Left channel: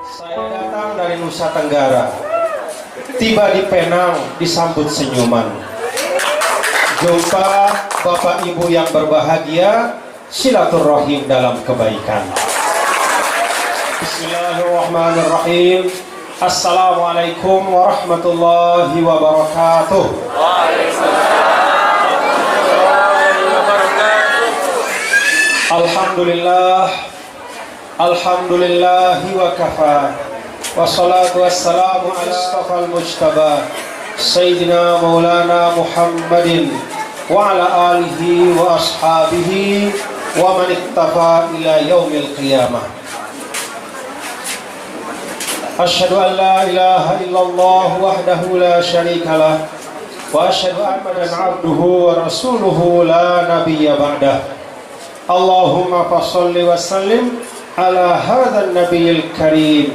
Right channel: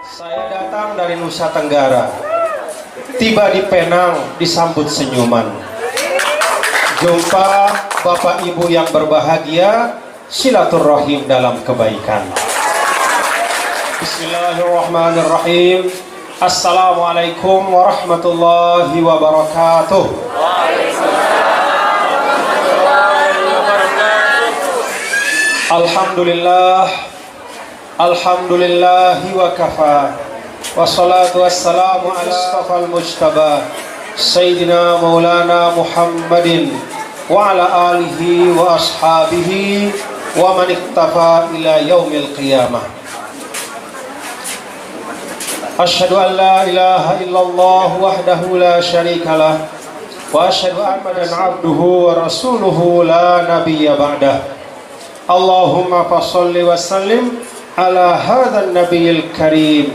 Saya datang dari Nusa Tenggara, tiba di Penang disambut senyuman. Jumpa Bapak Ibu yang berbahagia, silaturahim dalam kebaikan. Bismillahirrahmanirrahim. Assalamualaikum warahmatullahi wabarakatuh. Alhamdulillah, alhamdulillahi wa kafa, wassalatu wassalamu ala astafal mujtaba Sayyidina Maulana Muhammadin wa ala alihi wa ashabihi wa man iktafa ila yaumil qiyamah. Asyhadu an la ilaha illallah wahdahu la syarikalah wa asyhadu anna abduhu wa rasuluhu la nabiyya ba'dah. Allahumma fasholli wa sallim ala hadzal nabiyil karim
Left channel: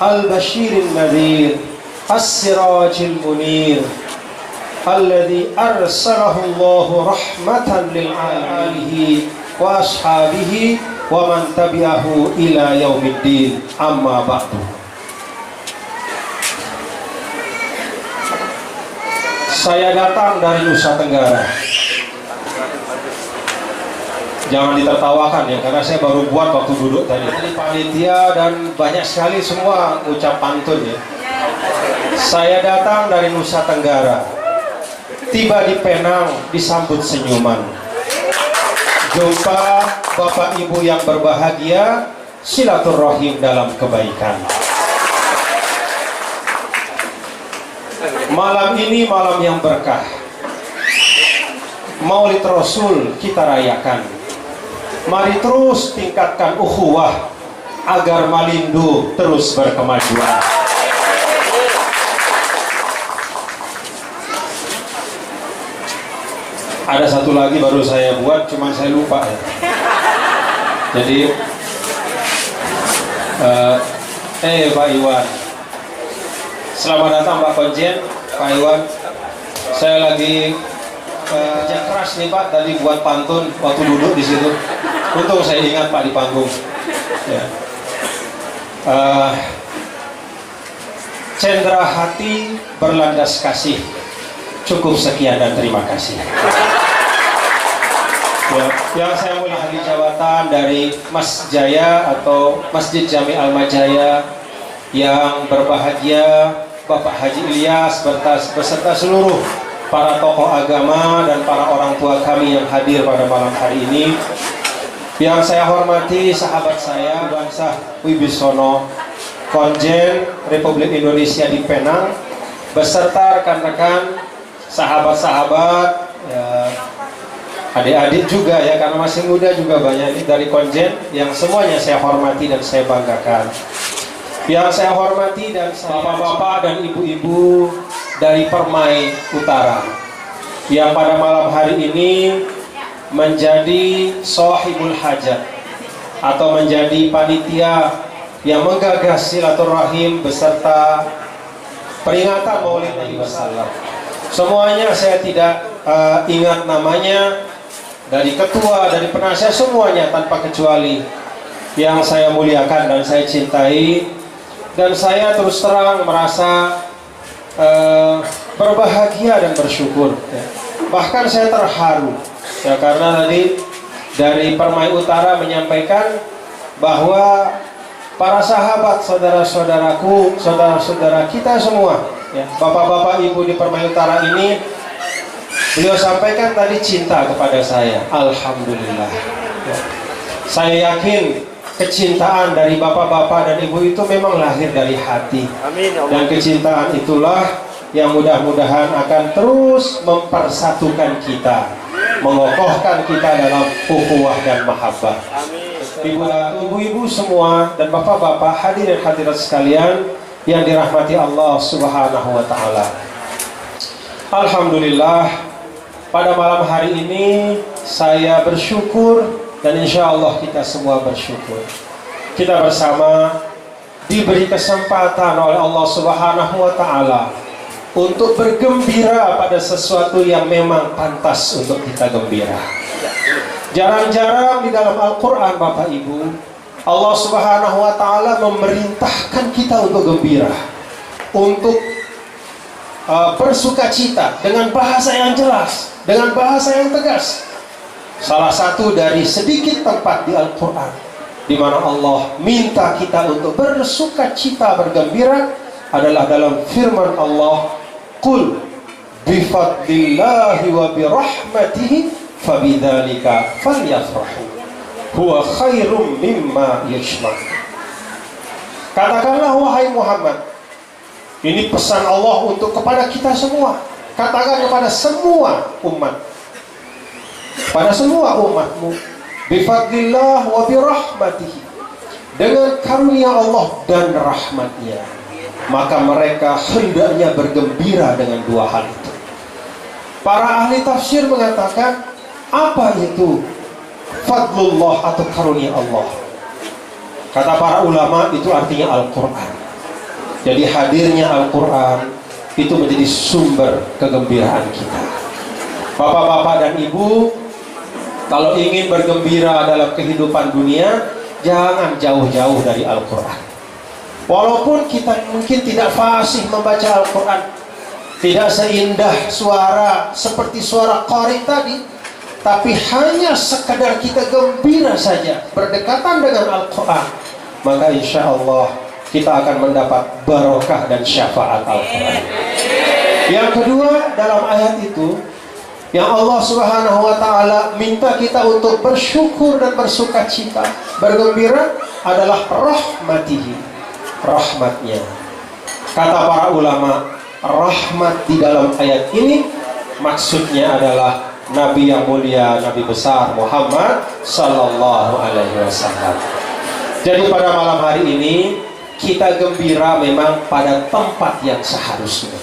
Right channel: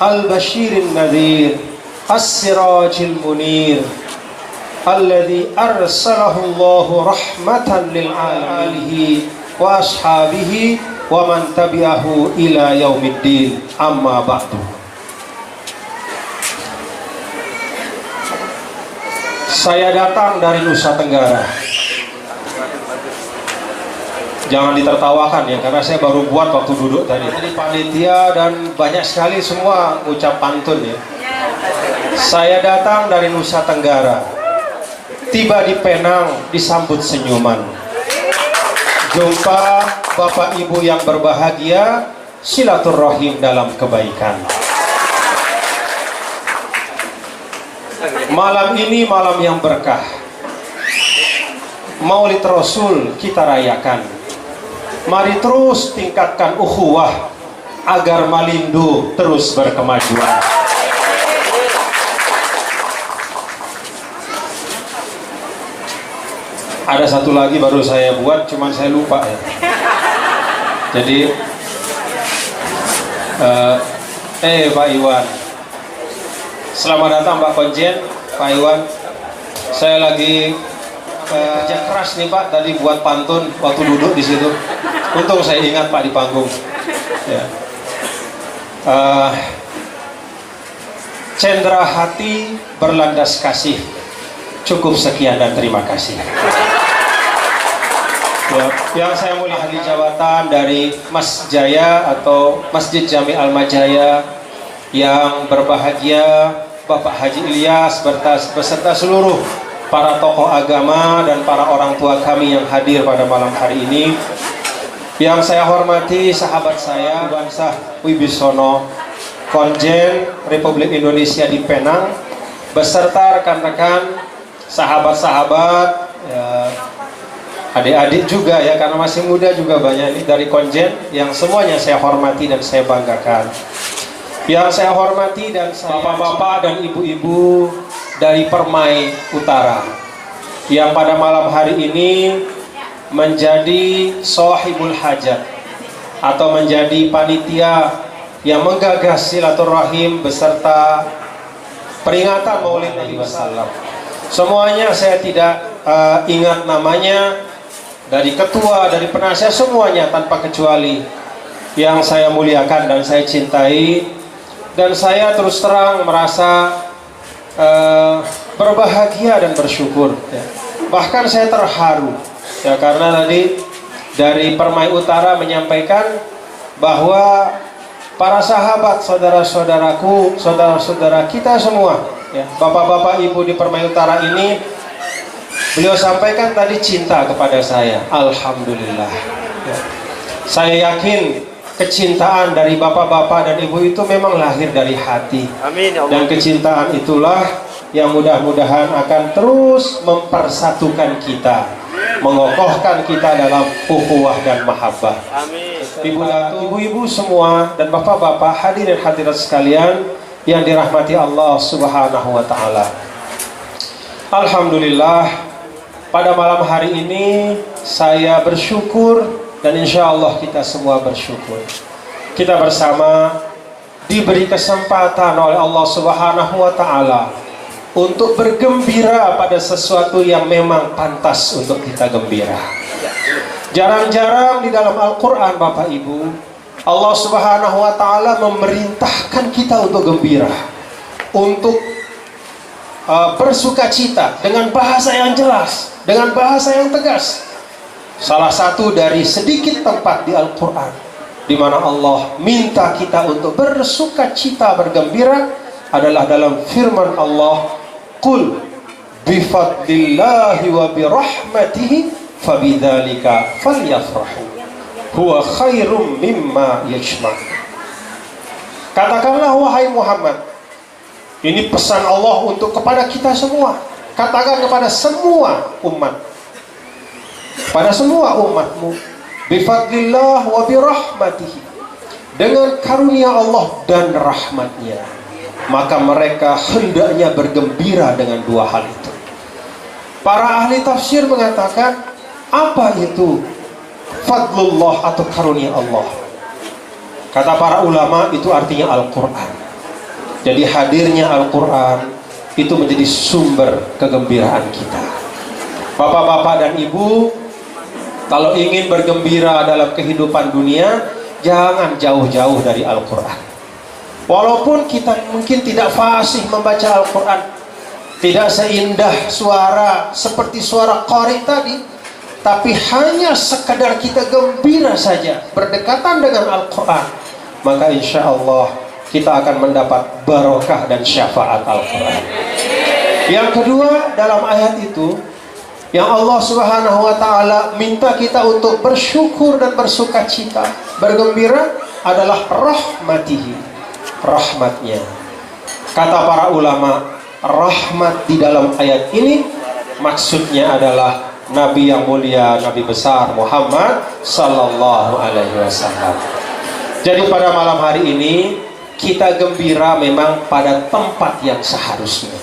al-bashirin nadhir as-sirajil munir alladhi arsalahu Allahu rahmatan lil alamin wa ashabihi wa man tabi'ahu ila yaumiddin, amma ba'du. Saya datang dari Nusa Tenggara. Jangan ditertawakan ya, karena saya baru buat waktu duduk tadi. Jadi panitia dan banyak sekali semua ucap pantun ya. Saya datang dari Nusa Tenggara, tiba di Penang disambut senyuman. Jumpa Bapak Ibu yang berbahagia, silaturahim dalam kebaikan. Malam ini malam yang berkah. Maulid Rasul kita rayakan. Mari terus tingkatkan ukhuwah agar Malindo terus berkemajuan. Ada satu lagi baru saya buat, cuman saya lupa ya. Jadi Pak Iwan, selamat datang Pak Konjen, Pak Iwan. Saya lagi kerja keras nih Pak, tadi buat pantun waktu duduk di situ. Untung saya ingat Pak di panggung. Ya. Cendera hati berlandas kasih. Cukup sekian dan terima kasih. Ya, yang saya mulia ahli jawatan dari Mas Jaya atau Masjid Jami Al-Majaya yang berbahagia, Bapak Haji Ilyas beserta seluruh para tokoh agama dan para orang tua kami yang hadir pada malam hari ini. Yang saya hormati sahabat saya Bansah Wibisono, Konjen Republik Indonesia di Penang, beserta rekan-rekan, sahabat-sahabat, ya, adik-adik juga ya, karena masih muda juga banyak ini dari Konjen, yang semuanya saya hormati dan saya banggakan. Yang saya hormati dan bapak-bapak dan ibu-ibu dari Permai Utara yang pada malam hari ini menjadi sahibul hajat atau menjadi panitia yang menggagas silaturahim beserta peringatan Maulid Nabi Wasallam. Semuanya saya tidak ingat namanya, dari ketua, dari penasihat, semuanya tanpa kecuali yang saya muliakan dan saya cintai, dan saya terus terang merasa berbahagia dan bersyukur ya. Bahkan saya terharu ya, karena tadi dari Permai Utara menyampaikan bahwa para sahabat, saudara-saudaraku, saudara-saudara kita semua ya, bapak-bapak ibu di Permai Utara ini, beliau sampaikan tadi cinta kepada saya. Alhamdulillah ya. Saya yakin kecintaan dari bapak-bapak dan ibu itu memang lahir dari hati. Amin, ya Allah. Dan kecintaan itulah yang mudah-mudahan akan terus mempersatukan kita, mengokohkan kita dalam ukhuwah dan mahabbah. Amin. Ibu-ibu semua dan bapak-bapak, hadirin hadirat sekalian yang dirahmati Allah Subhanahu wa taala. Alhamdulillah, pada malam hari ini saya bersyukur dan insya Allah kita semua bersyukur. Kita bersama diberi kesempatan oleh Allah Subhanahu wa taala untuk bergembira pada sesuatu yang memang pantas untuk kita gembira. Jarang-jarang di dalam Al-Quran Bapak Ibu Allah Subhanahu wa Ta'ala memerintahkan kita untuk gembira, untuk bersukacita dengan bahasa yang jelas, dengan bahasa yang tegas. Salah satu dari sedikit tempat di Al-Quran di mana Allah minta kita untuk bersukacita, bergembira adalah dalam firman Allah, "Qul bifadlillahi wa birahmatihi fabidzalika falyafrahu huwa khairum mimma yajma'un." Katakanlah wahai Muhammad, ini pesan Allah untuk kepada kita semua. Katakan kepada semua umat, pada semua umatmu, bifadlillah wa birahmatihi, dengan karunia Allah dan rahmatnya, maka mereka hendaknya bergembira dengan dua hal itu. Para ahli tafsir mengatakan, apa itu fadlullah atau karunia Allah? Kata para ulama, itu artinya Al-Quran. Jadi hadirnya Al-Quran itu menjadi sumber kegembiraan kita. Bapak-bapak dan ibu, kalau ingin bergembira dalam kehidupan dunia, jangan jauh-jauh dari Al-Quran. Walaupun kita mungkin tidak fasih membaca Al-Quran, tidak seindah suara seperti suara qari tadi, tapi hanya sekadar kita gembira saja berdekatan dengan Al-Quran, maka insya Allah kita akan mendapat barokah dan syafaat Al-Quran. Yang kedua, dalam ayat itu yang Allah Subhanahu wa Ta'ala minta kita untuk bersyukur dan bersukacita, bergembira adalah rahmatihi, rahmatnya. Kata para ulama, rahmat di dalam ayat ini maksudnya adalah Nabi yang mulia, Nabi besar Muhammad Sallallahu Alaihi Wasallam. Jadi pada malam hari ini kita gembira memang pada tempat yang seharusnya.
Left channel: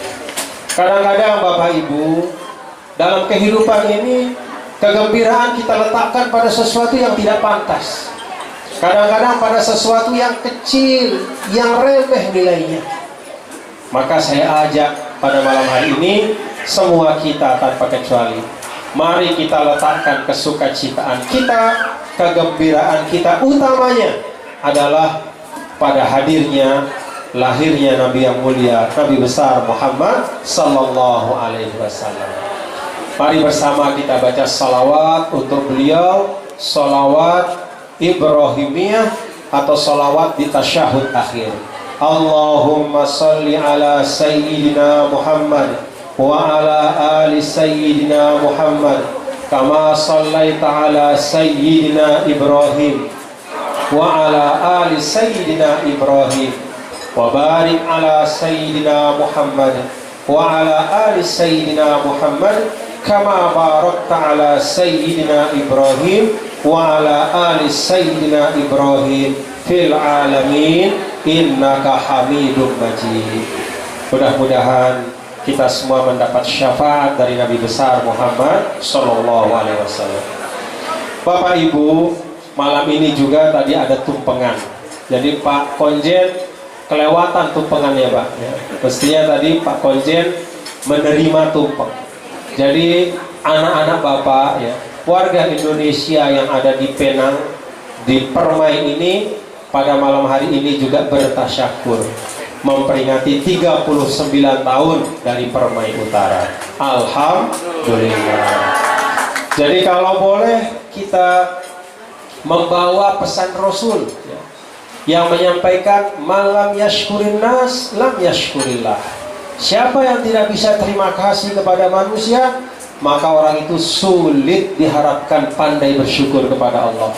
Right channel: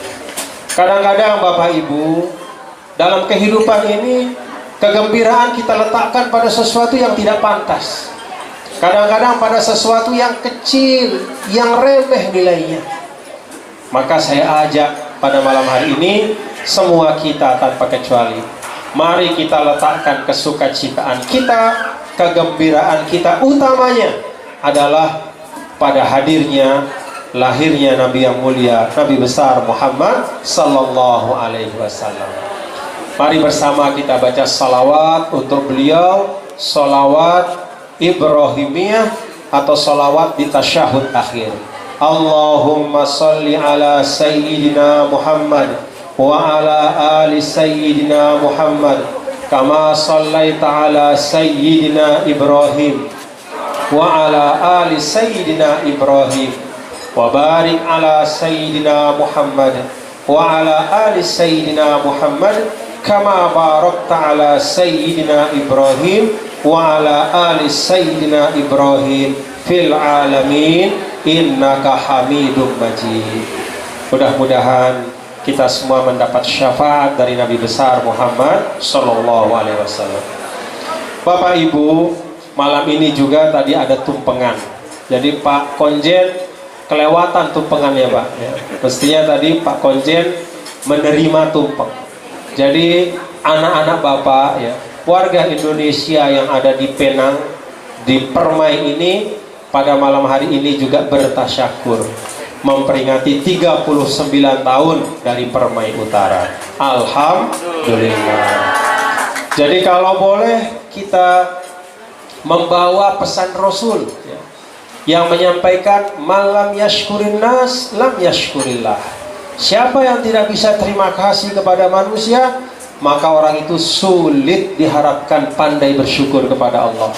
Kadang-kadang Bapak Ibu, dalam kehidupan ini kegembiraan kita letakkan pada sesuatu yang tidak pantas. Kadang-kadang pada sesuatu yang kecil, yang remeh nilainya. Maka saya ajak pada malam hari ini semua kita tanpa kecuali, mari kita letakkan kesukacitaan kita, kegembiraan kita utamanya adalah pada hadirnya, lahirnya Nabi yang mulia, Nabi besar Muhammad Sallallahu Alaihi Wasallam. Mari bersama kita baca salawat untuk beliau, salawat Ibrahimiyah atau salawat di tasyahud akhir. Allahumma salli ala Sayyidina Muhammad wa ala ali Sayyidina Muhammad kama sallaita ala Sayyidina Ibrahim wa ala ali Sayyidina Ibrahim wa barik ala Sayyidina Muhammad wa ala ali Sayyidina Muhammad kama barakta ala Sayyidina Ibrahim wa ala ali Sayyidina Ibrahim fil alamin innaka Hamidum Majid. Mudah-mudahan kita semua mendapat syafaat dari Nabi besar Muhammad Sallallahu Alaihi Wasallam. Bapak Ibu, malam ini juga tadi ada tumpengan. Jadi Pak Konjen kelewatan tumpengannya Pak ya. Mestinya tadi Pak Konjen menerima tumpeng. Jadi anak-anak Bapak ya, warga Indonesia yang ada di Penang, di Permai ini, pada malam hari ini juga bertasyakur memperingati 39 tahun dari Permai Utara. Alhamdulillah. Jadi kalau boleh kita membawa pesan Rasul ya, yang menyampaikan malam yashkurin nas lam yashkurillah. Siapa yang tidak bisa terima kasih kepada manusia, maka orang itu sulit diharapkan pandai bersyukur kepada Allah.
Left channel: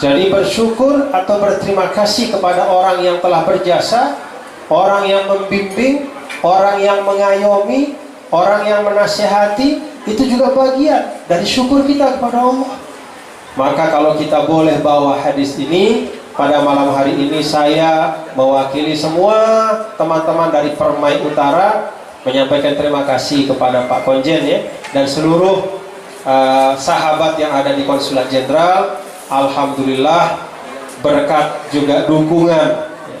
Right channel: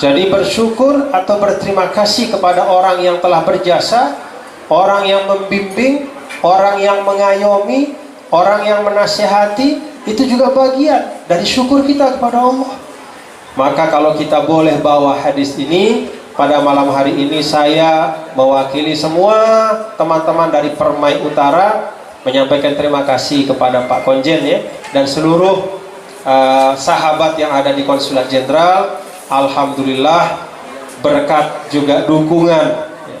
Jadi bersyukur atau berterima kasih kepada orang yang telah berjasa, orang yang membimbing, orang yang mengayomi, orang yang menasihati, itu juga bagian dari syukur kita kepada Allah. Maka kalau kita boleh bawa hadis ini pada malam hari ini, saya mewakili semua teman-teman dari Permai Utara menyampaikan terima kasih kepada Pak Konjen ya, dan seluruh sahabat yang ada di Konsulat Jenderal. Alhamdulillah berkat juga dukungan ya,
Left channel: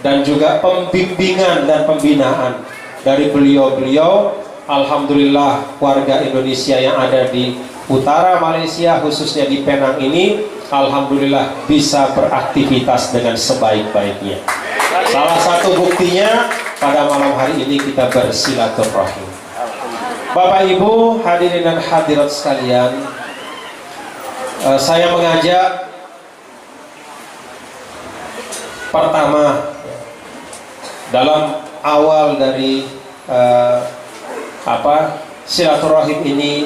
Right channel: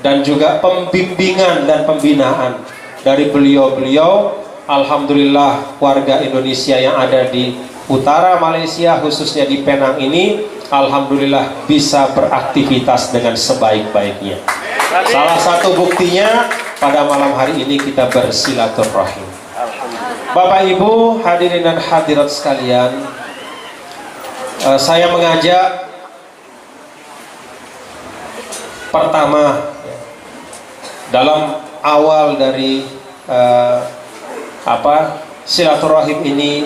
dan juga pembimbingan dan pembinaan dari beliau-beliau. Alhamdulillah warga Indonesia yang ada di utara Malaysia, khususnya di Penang ini, alhamdulillah bisa beraktivitas dengan sebaik-baiknya. Salah satu buktinya pada malam hari ini kita bersilaturahim. Bapak Ibu hadirin dan hadirat sekalian, saya mengajak pertama dalam awal dari silaturahim ini,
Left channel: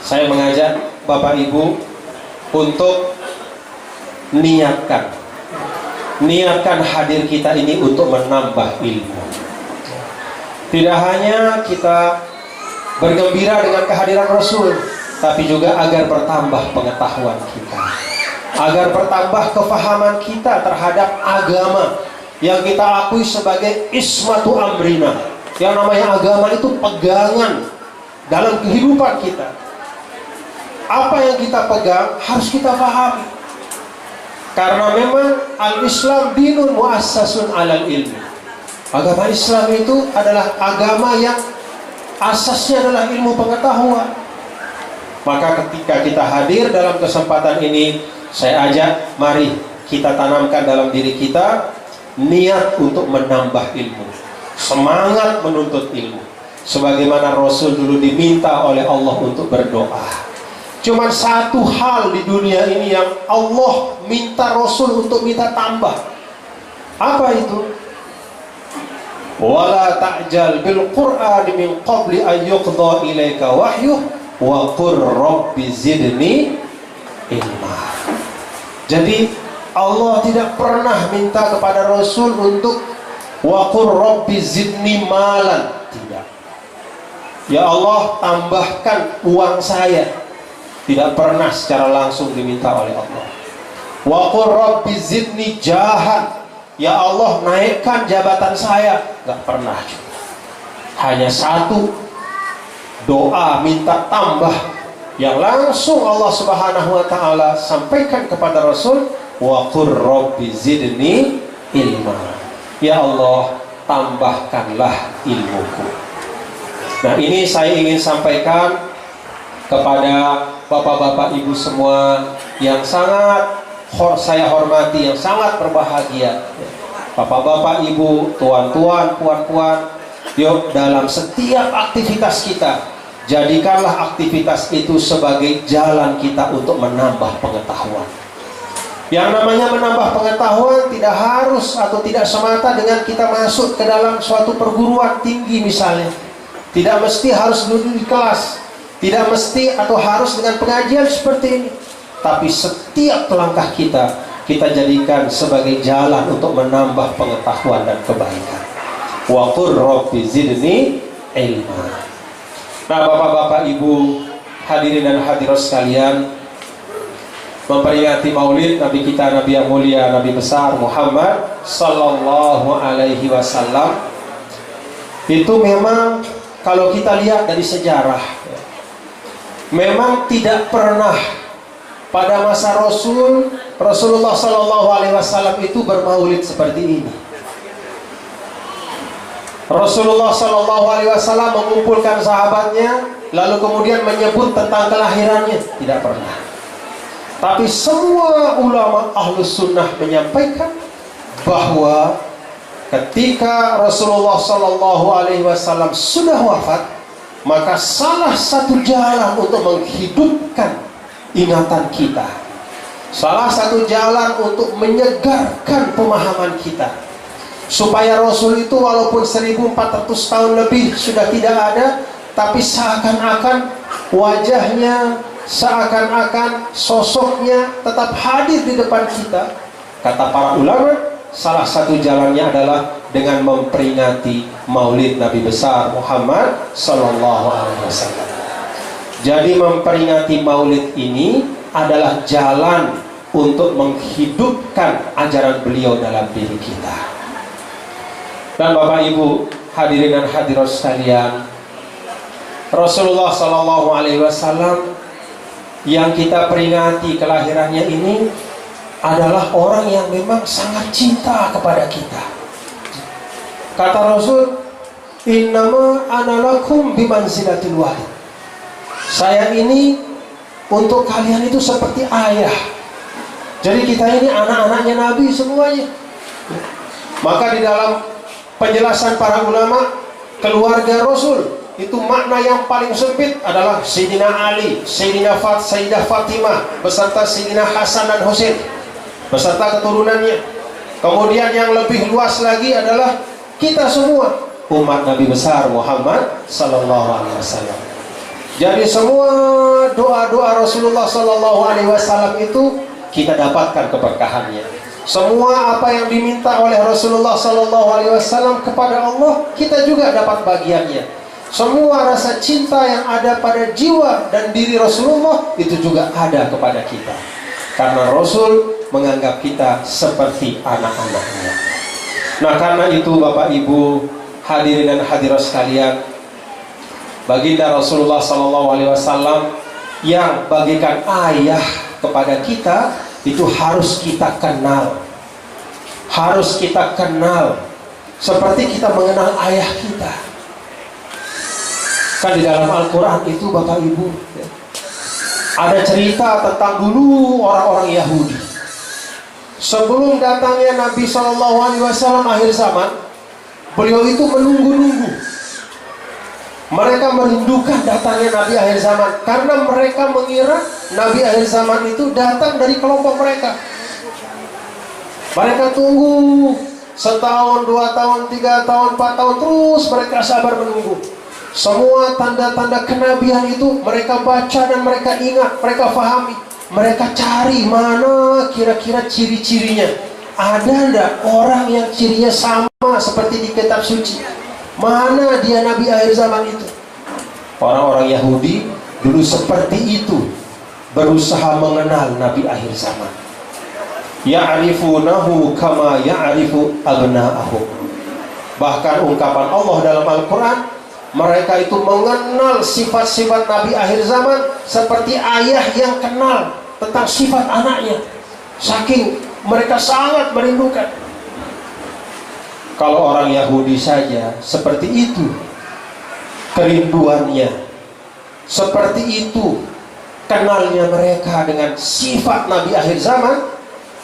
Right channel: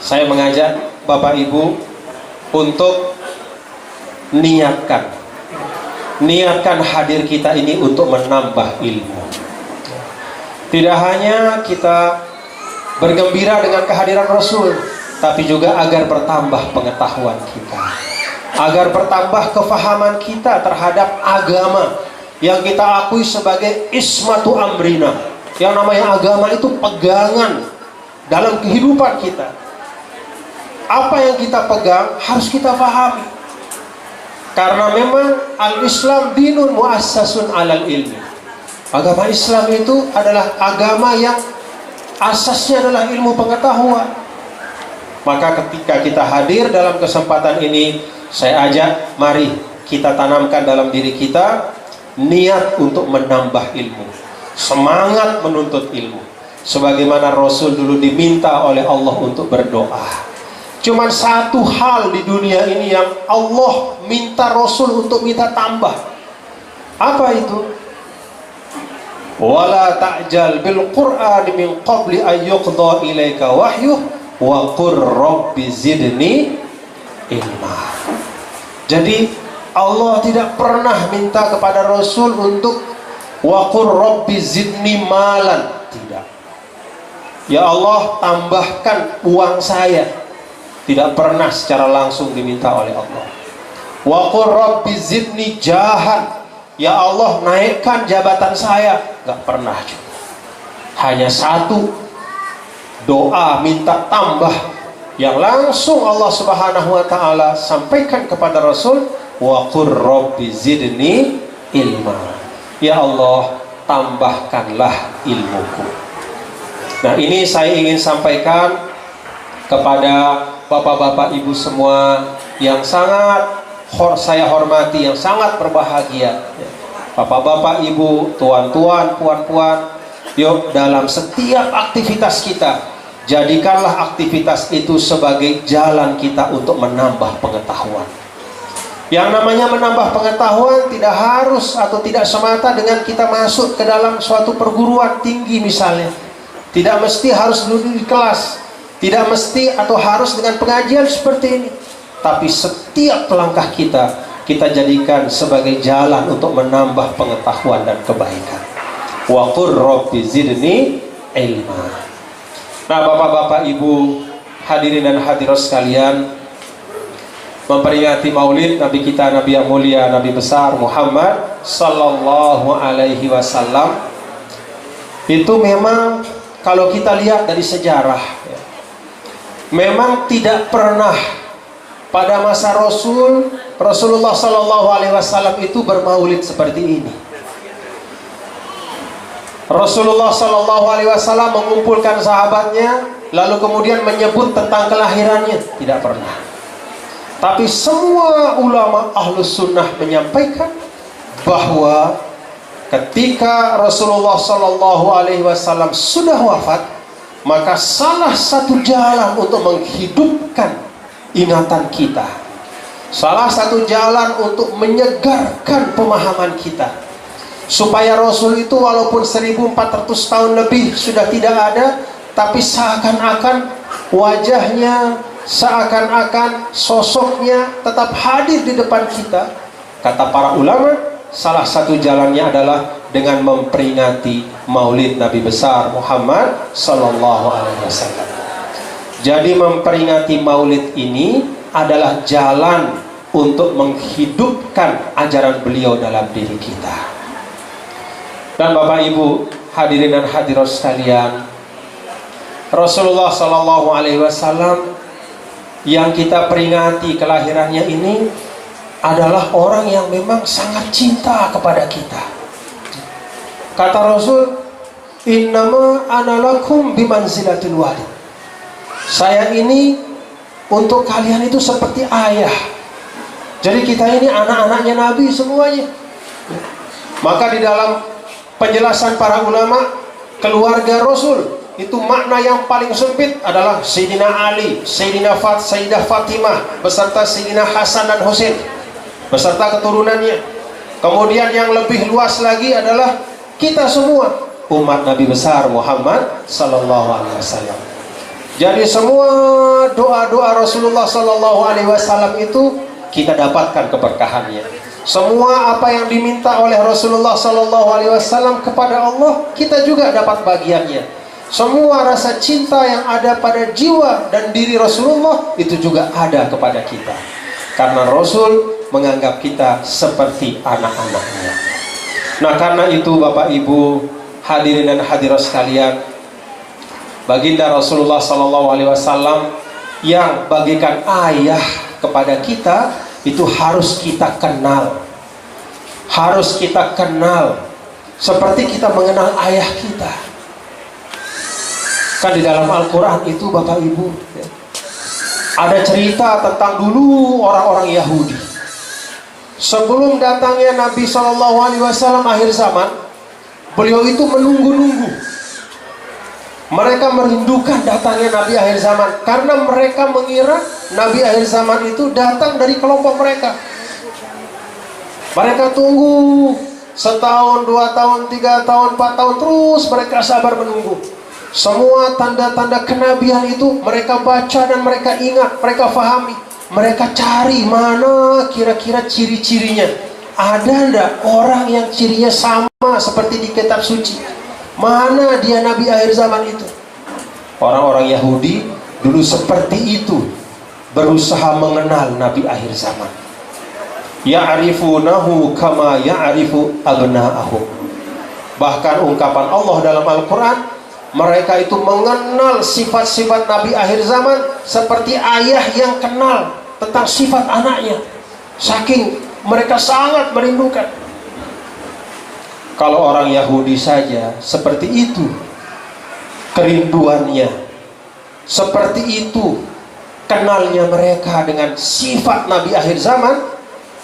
saya mengajak Bapak Ibu untuk niatkan hadir kita ini untuk menambah ilmu. Tidak hanya kita bergembira dengan kehadiran Rasul, tapi juga agar bertambah pengetahuan kita, agar bertambah kefahaman kita terhadap agama yang kita akui sebagai ismatu amrina. Yang namanya agama itu pegangan dalam kehidupan kita. Apa yang kita pegang harus kita pahami, karena memang al-Islam dinun muassasun alal ilmi. Agama Islam itu adalah agama yang asasnya adalah ilmu pengetahuan. Maka ketika kita hadir dalam kesempatan ini, saya ajak mari kita tanamkan dalam diri kita niat untuk menambah ilmu, semangat menuntut ilmu, sebagaimana Rasul dulu diminta oleh Allah untuk berdoa. Cuman satu hal di dunia ini yang Allah minta Rasul untuk minta tambah. Apa itu? Wala ta'jal bil Qur'an min qabli an yuqda ilaika wahyuh wa qur rabbi zidni ilma. Jadi Allah tidak pernah minta kepada Rasul untuk wa qur rabbi zidni malan. Tidak. Ya Allah, tambahkan uang saya. Tidak pernah secara langsung diminta oleh Allah. Wa qur rabbi zidni jahan. Ya Allah, naikkan jabatan saya. Gak pernah juga. Hanya satu doa minta tambah yang langsung Allah Subhanahu wa ta'ala sampaikan kepada Rasul, wa qur rabbi zidni ilma. Ya Allah, tambahkanlah ilmuku. Nah, ini saya ingin sampaikan kepada bapak-bapak ibu semua yang sangat saya hormati, yang sangat berbahagia. Bapak-bapak ibu, tuan-tuan, puan-puan, yuk dalam setiap aktivitas kita, jadikanlah aktivitas itu sebagai jalan kita untuk menambah pengetahuan. Yang namanya menambah pengetahuan tidak harus atau tidak semata dengan kita masuk ke dalam suatu perguruan tinggi misalnya. Tidak mesti harus duduk di kelas, tidak mesti atau harus dengan pengajian seperti ini. Tapi setiap langkah kita jadikan sebagai jalan untuk menambah pengetahuan dan kebaikan. Wa qur rabbi zidni ilma. Nah, bapak-bapak ibu hadirin dan hadirat sekalian, memperingati maulid Nabi kita, Nabi yang mulia, Nabi besar Muhammad sallallahu alaihi wasallam, itu memang kalau kita lihat dari sejarah, memang tidak pernah pada masa Rasulullah sallallahu alaihi wasallam itu bermaulid seperti ini. Rasulullah sallallahu alaihi wasallam mengumpulkan sahabatnya lalu kemudian menyebut tentang kelahirannya, tidak pernah. Tapi semua ulama ahlus sunnah menyampaikan bahwa ketika Rasulullah sallallahu alaihi wasallam sudah wafat, maka salah satu jalan untuk menghidupkan ingatan kita, salah satu jalan untuk menyegarkan pemahaman kita, supaya Rasul itu walaupun 1400 tahun lebih sudah tidak ada, tapi seakan-akan wajahnya, seakan-akan sosoknya tetap hadir di depan kita. Kata para ulama, salah satu jalannya adalah dengan memperingati maulid Nabi besar Muhammad sallallahu alaihi wasallam. Jadi memperingati maulid ini adalah jalan untuk menghidupkan ajaran beliau dalam diri kita. Dan Bapak Ibu hadirin dan hadirat sekalian, Rasulullah sallallahu alaihi wasallam yang kita peringati kelahirannya ini adalah orang yang memang sangat cinta kepada kita. Kata Rasul, innama ana lakum bimanzilatil walid. Saya ini untuk kalian itu seperti ayah. Jadi kita ini anak-anaknya Nabi semuanya. Maka di dalam penjelasan para ulama, keluarga Rasul itu makna yang paling sempit adalah Sayyidina Ali, Sayyidah Fatimah beserta Sayyidina Hasan dan Husain beserta keturunannya. Kemudian yang lebih luas lagi adalah kita semua, umat Nabi besar Muhammad sallallahu alaihi wasallam. Jadi semua doa-doa Rasulullah sallallahu alaihi wasallam itu kita dapatkan keberkahannya. Semua apa yang diminta oleh Rasulullah sallallahu alaihi wasallam kepada Allah, kita juga dapat bagiannya. Semua rasa cinta yang ada pada jiwa dan diri Rasulullah itu juga ada kepada kita. Karena Rasul menganggap kita seperti anak-anaknya. Nah, karena itu Bapak Ibu hadirin dan hadirat sekalian, baginda Rasulullah sallallahu alaihi wasallam yang bagaikan ayah kepada kita itu harus kita kenal. Harus kita kenal seperti kita mengenal ayah kita. Kan di dalam Al-Quran itu Bapak Ibu ada cerita tentang dulu orang-orang Yahudi. Sebelum datangnya Nabi SAW akhir zaman, beliau itu menunggu-nunggu. Mereka merindukan datangnya Nabi akhir zaman karena mereka mengira Nabi akhir zaman itu datang dari kelompok mereka. Mereka tunggu setahun, 2 tahun, 3 tahun, 4 tahun, terus mereka sabar menunggu. Semua tanda-tanda kenabian itu mereka baca dan mereka ingat, mereka fahami. Mereka cari mana kira-kira ciri-cirinya. Ada enggak orang yang cirinya sama seperti di kitab suci? Mana dia Nabi akhir zaman itu? Orang-orang Yahudi dulu seperti itu, berusaha mengenal Nabi akhir zaman. Ya'rifunahu kama ya'rifu abna'ahum. Bahkan ungkapan Allah dalam Al-Quran, mereka itu mengenal sifat-sifat Nabi akhir zaman seperti ayah yang kenal tentang sifat anaknya. Saking mereka sangat merindukan. Kalau orang Yahudi saja seperti itu kerinduannya, seperti itu kenalnya mereka dengan sifat Nabi akhir zaman,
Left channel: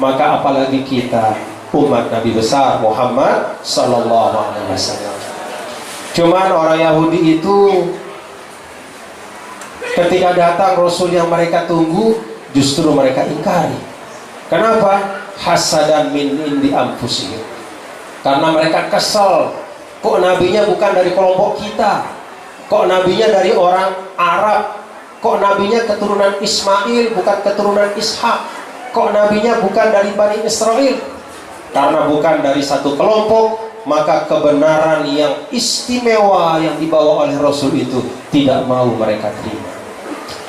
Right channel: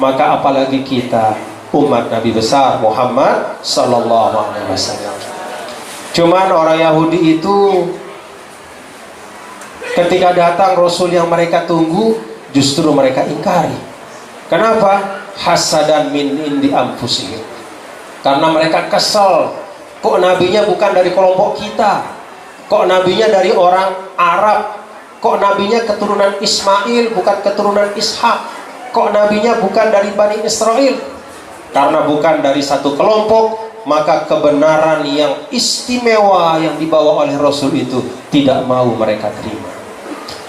maka apalagi kita umat Nabi besar Muhammad sallallahu alaihi wasallam. Cuman orang Yahudi itu ketika datang Rasul yang mereka tunggu, justru mereka ingkari. Kenapa? Hasadan min indi anfusihim. Karena mereka kesal, kok nabinya bukan dari kelompok kita, kok nabinya dari orang Arab, kok nabinya keturunan Ismail bukan keturunan Ishak, kok nabinya bukan dari Bani Israel. Karena bukan dari satu kelompok, maka kebenaran yang istimewa yang dibawa oleh Rasul itu tidak mau mereka terima.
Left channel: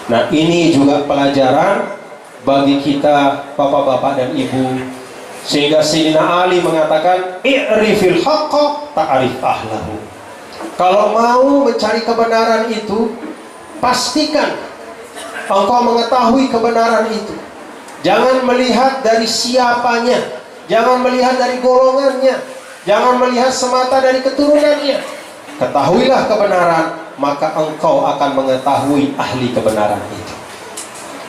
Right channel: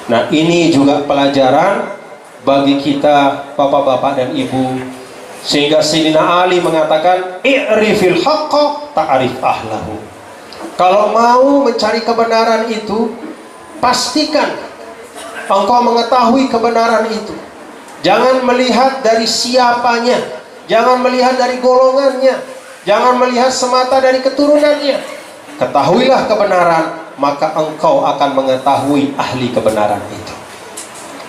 Nah, ini juga pelajaran bagi kita bapak-bapak dan ibu. Sehingga Sayyidina Ali mengatakan, i'rifil haqqa ta'rif ahlahu. Kalau mau mencari kebenaran itu, pastikan engkau mengetahui kebenaran itu. Jangan melihat dari siapanya, jangan melihat dari golongannya, jangan melihat semata dari keturunannya. Ketahuilah kebenaran, maka engkau akan mengetahui ahli kebenaran itu.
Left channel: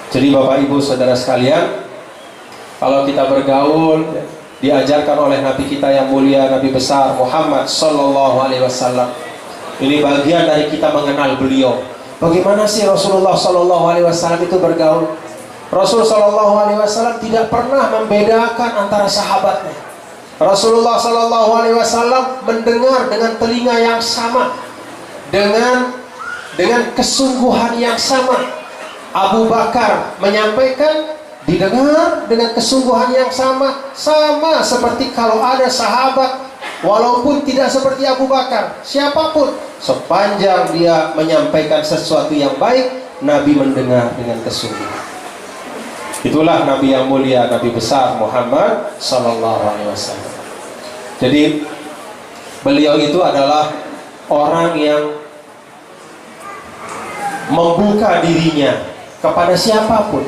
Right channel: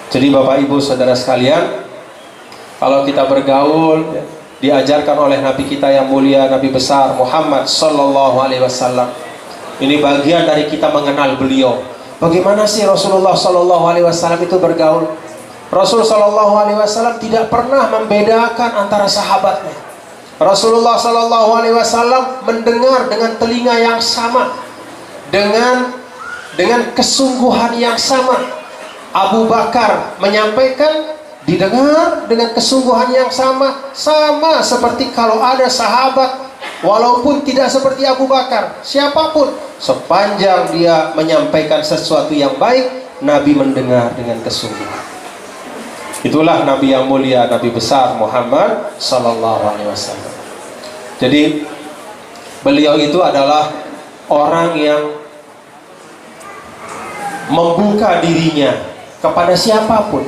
Jadi Bapak Ibu Saudara sekalian, kalau kita bergaul, diajarkan oleh Nabi kita yang mulia, Nabi besar Muhammad sallallahu alaihi wasallam. Ini bagian dari kita mengenal beliau. Bagaimana sih Rasulullah sallallahu alaihi wasallam itu bergaul? Rasul sallallahu alaihi wasallam tidak pernah membedakan antara sahabatnya. Rasulullah sallallahu alaihi wasallam mendengar dengan telinga yang sama, dengan kesungguhan yang sama. Abu Bakar menyampaikan, didengar dengan kesungguhan yang sama seperti kalau ada sahabat walaupun tidak seperti Abu Bakar, siapapun, sepanjang dia menyampaikan sesuatu yang baik, Nabi mendengar dengan kesungguhan. Itulah Nabi yang mulia, Nabi besar Muhammad sallallahu alaihi wasallam. Jadi beliau itu adalah orang yang membuka dirinya kepada siapapun,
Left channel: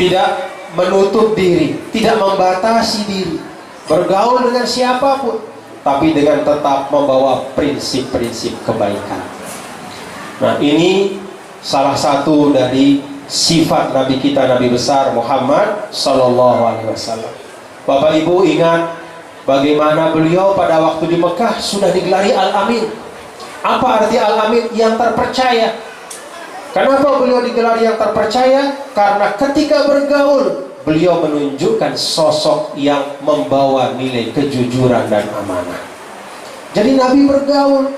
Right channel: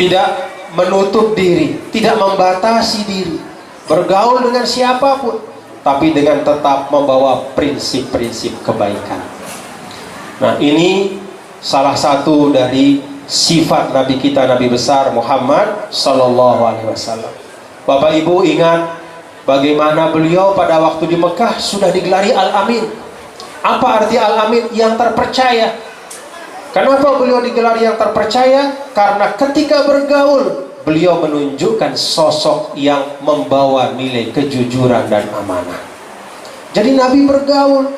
tidak menutup diri, tidak membatasi diri, bergaul dengan siapapun, tapi dengan tetap membawa prinsip-prinsip kebaikan. Nah, ini salah satu dari sifat Nabi kita, Nabi besar Muhammad Sallallahu Alaihi Wasallam. Bapak Ibu ingat bagaimana beliau pada waktu di Mekah sudah digelari Al-Amin. Apa arti Al-Amin? Yang terpercaya. Kenapa beliau digelari yang terpercaya? Karena ketika bergaul, beliau menunjukkan sosok yang membawa nilai kejujuran dan amanah. Jadi Nabi bergaul,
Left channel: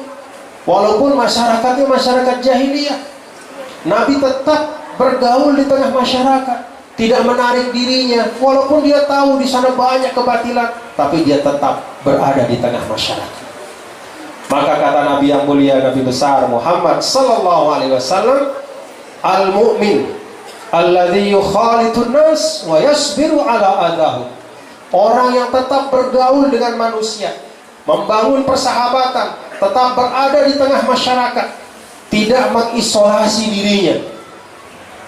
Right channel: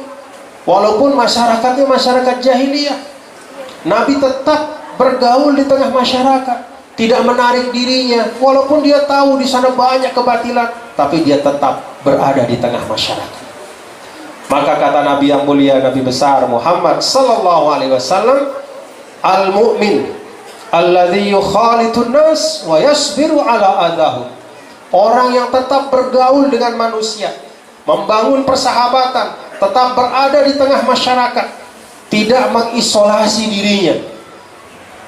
walaupun masyarakatnya masyarakat jahiliyah, Nabi tetap bergaul di tengah masyarakat, tidak menarik dirinya, walaupun dia tahu di sana banyak kebatilan, tapi dia tetap berada di tengah masyarakat. Maka kata Nabi yang mulia, Nabi besar Muhammad Sallallahu Alaihi Wasallam, al-mu'min alladhi yukhalitun nas wa yasbiru ala adahu. Orang yang tetap bergaul dengan manusia, membangun persahabatan, tetap berada di tengah masyarakat, tidak mengisolasi dirinya.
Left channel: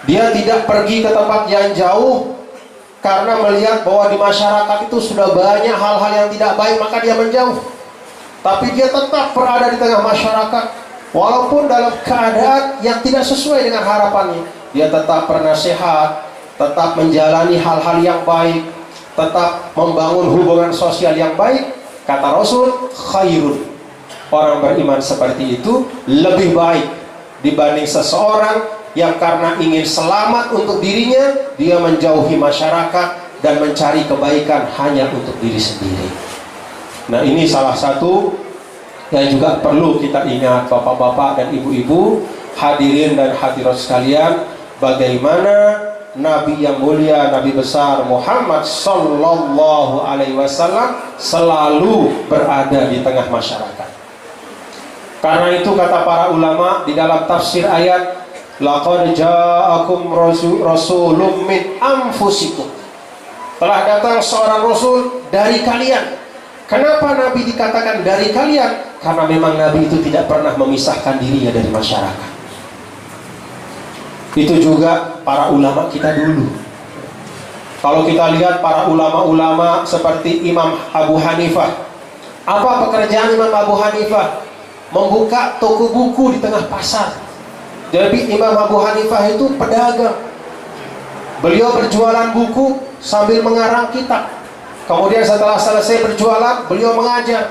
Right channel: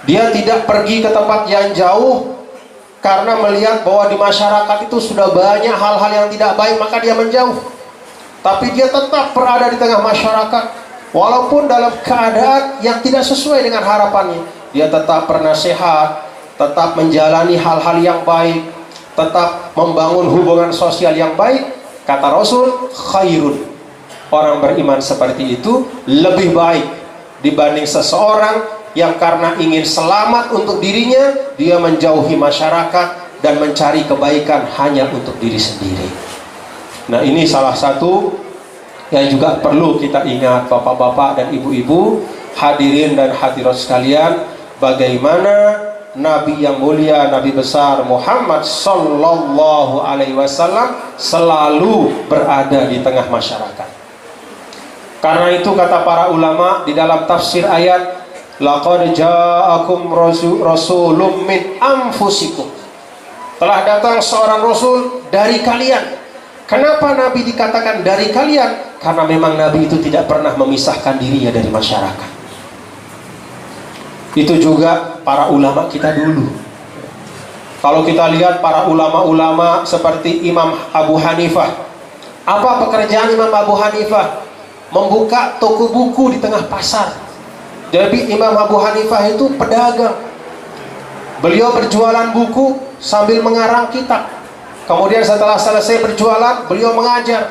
Dia tidak pergi ke tempat yang jauh karena melihat bahwa di masyarakat itu sudah banyak hal-hal yang tidak baik, maka dia menjauh. Tapi dia tetap berada di tengah masyarakat, walaupun dalam keadaan yang tidak sesuai dengan harapannya. Dia tetap bernasihat, tetap menjalani hal-hal yang baik, tetap membangun hubungan sosial yang baik. Kata Rasul, khairun, orang beriman seperti itu lebih baik dibanding seseorang yang karena ingin selamat untuk dirinya, dia menjauhi masyarakat dan mencari kebaikan hanya untuk diri sendiri. Nah, ini salah satu yang juga perlu kita ingat, bapak-bapak dan ibu-ibu, hadirin dan hadirat sekalian, bagaimana Nabi yang mulia, Nabi besar Muhammad Sallallahu Alaihi Wasallam selalu berada di tengah masyarakat. Karena itu kata para ulama di dalam tafsir ayat, laqad ja'akum rasulun min anfusikum, telah datang seorang rasul dari kalian. Kenapa Nabi dikatakan dari kalian? Karena memang Nabi itu tidak pernah memisahkan dirinya dari masyarakat. Itu juga para ulama kita dulu. Kalau kita lihat para ulama-ulama seperti Imam Abu Hanifah, apa pekerjaan Imam Abu Hanifah? Membuka toko buku di tengah pasar. Jadi Imam Abu Hanifah itu pedagang. Beliau berjualan buku sambil mengarang kitab. Kemudian setelah selesai berjualan, beliau mengajar.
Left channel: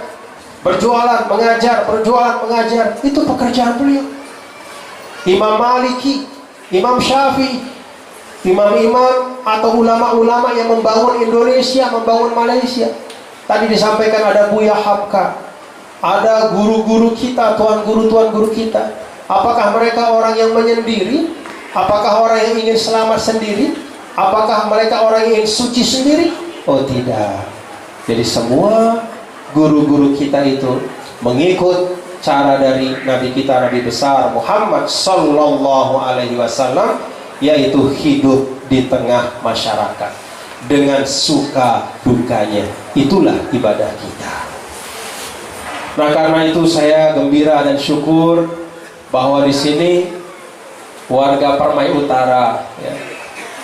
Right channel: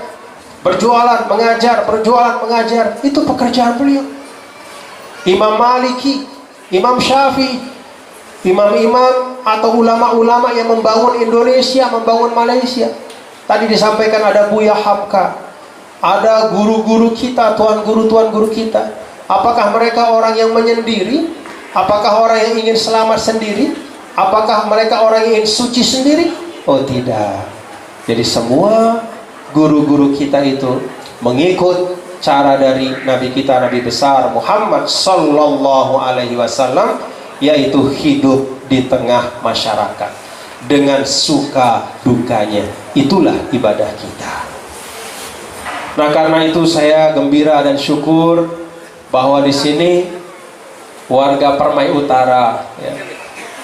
Berjualan, mengajar, berjualan, mengajar. Itu pekerjaan beliau. Imam Maliki, Imam Syafi'i, imam-imam atau ulama-ulama yang membangun Indonesia, membangun Malaysia. Tadi disampaikan ada Buya Habka, ada guru-guru kita, tuan guru kita. Apakah mereka orang yang menyendiri? Apakah orang yang ingin selamat sendiri? Apakah mereka orang yang ingin suci sendiri? Oh tidak. Jadi semua guru-guru kita itu mengikut cara dari Nabi kita, Nabi besar Muhammad Sallallahu Alaihi Wasallam, yaitu hidup di tengah masyarakat dengan suka dukanya. Itulah ibadah kita. Nah, karena itu saya gembira dan syukur bahwa di sini warga Permai Utara,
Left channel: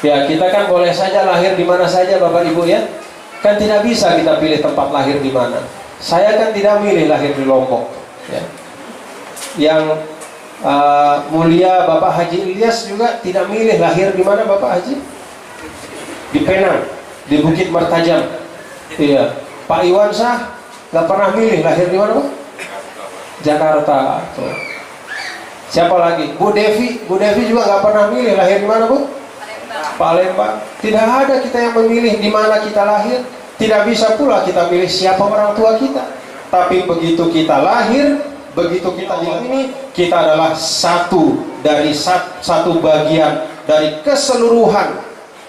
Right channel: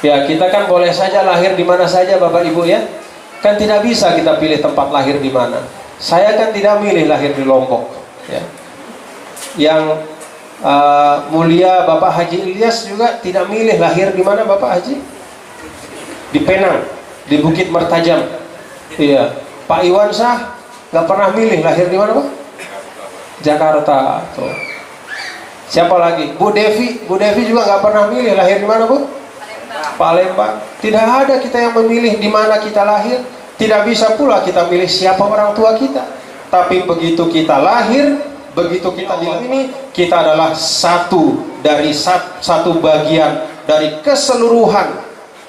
ya kita kan boleh saja lahir di mana saja, Bapak Ibu ya. Kan tidak bisa kita pilih tempat lahir di mana. Saya kan tidak milih lahir di Lombok. Ya. Yang mulia Bapak Haji Ilyas juga tidak milih lahir di mana, Bapak Haji? Di Penang, di Bukit Mertajam. Iya. Pak Iwan Sah nggak pernah milih lahir di mana, Pak? Jakarta. Tuh. Siapa lagi? Bu Devi juga nggak pernah milih lahir di mana, Bu? Palembang. Tidak ada kita yang memilih di mana kita lahir. Tidak bisa pula kita milih siapa orang tua kita. Tapi begitu kita lahir, begitu kita di ini, kita adalah satu bagian dari keseluruhan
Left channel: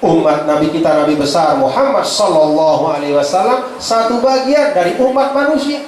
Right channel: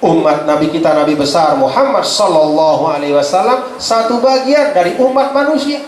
umat Nabi kita, Nabi besar Muhammad Sallallahu Alaihi Wasallam, satu bagian dari umat manusia.